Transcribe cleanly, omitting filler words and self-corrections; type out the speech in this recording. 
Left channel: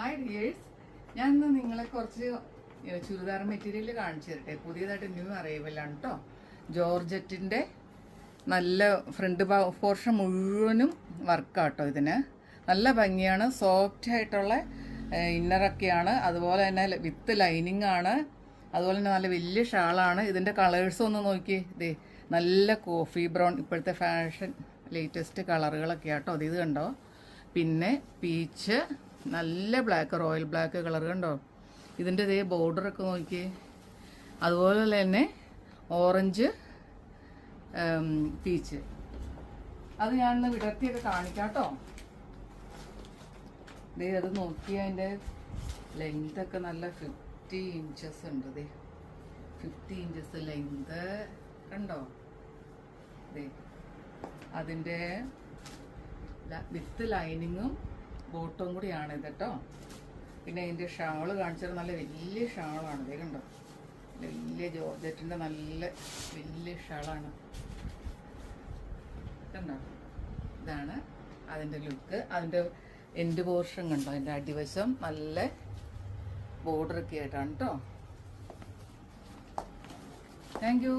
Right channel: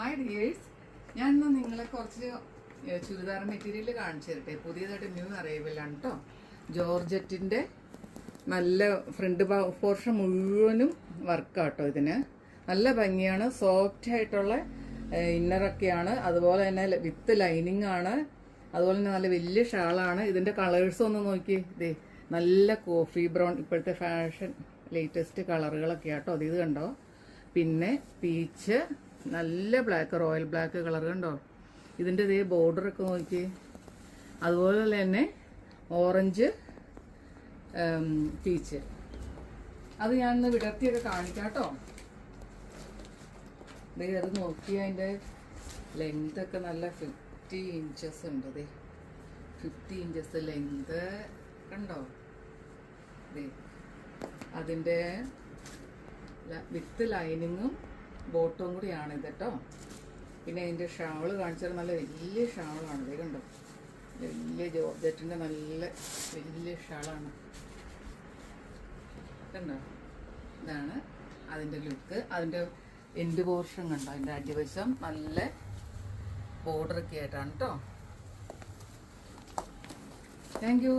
Hi dears, ഞാൻ ഇന്ന് നിങ്ങളെ കുറച്ച് ചുരിദാർ മെറ്റീരിയൽ കാണിച്ചു തരട്ടെ. പുതിയതായിട്ട് ന്യൂ അറൈവലാണ് കേട്ടോ. ജോർജറ്റിൻ്റെ നല്ല ഫ്രണ്ട് പോർഷൻ മുഴുവനും വർക്കാട്ടോ. ഇതിന് നല്ല ഭംഗിയാണ്, സോഫ്റ്റ് ആയിട്ടുള്ള ഇന്നറൊക്കെയാണ്. അതുപോലെ തന്നെ വിത്ത് ലൈനിങ് ആണ്. അതുപോലെ തന്നെ നല്ല വലിയ ഷാളാണ്. ഇതിൻ്റെ കളേഴ്സ് ഒന്ന് നോക്കി. ഇതേ നല്ല കോഫി ബ്രൗൺ, ഇപ്പോഴത്തെ ഫാഷൻ ലേറ്റസ്റ്റ് കളറുകളൊക്കെ ആട്ടോ. ഇത് കണ്ടോ. പിന്നെ പീച്ച്, നല്ല ബ്ലാക്ക്, റോയൽ ബ്ലാക്ക് കളർ കണ്ടോ. ഇതിൻ്റെ ഇതേ ബോർഡറൊക്കെ നോക്കി. അതുപോലെ തന്നെ ഓറഞ്ച് പീച്ച്. അത് ഞാനൊന്ന് വിടർത്തിയൊക്കെ കാണിക്കാം കേട്ടോ. ദേ അത് നോക്കി, അതിൻ്റെ ലെങ്തൊക്കെ നല്ല 50 ഇഞ്ചസ് ഉണ്ട്. ദേ 50 ഇഞ്ചസ് ലെങ്ത് കണ്ടോ. ദേ അതിൻ്റെ വിത്ത് ലൈനിങ്ങും ബോട്ടും കൂടിയാണ് ഇത് കേട്ടോ. പിന്നെ അതിൻ്റെ ഷാള് കാണിച്ചത് നല്ല വലിയ ഷാളാണ്. ഇത് കണ്ടോ, വലിയ ജോർജറ്റിൻ്റെ നല്ല വലിയ ഷാളാണ് കണ്ടോ. ഇതാണ് അതിൻ്റെ ലുക്ക്. അതിൻ്റെ എൻഡ് പോർഷൻ കണ്ടോ, അതിൻ്റെ അടിവശം നല്ല ബോർഡറൊക്കെ ആയിട്ടാണ് കേട്ടോ. Thank you.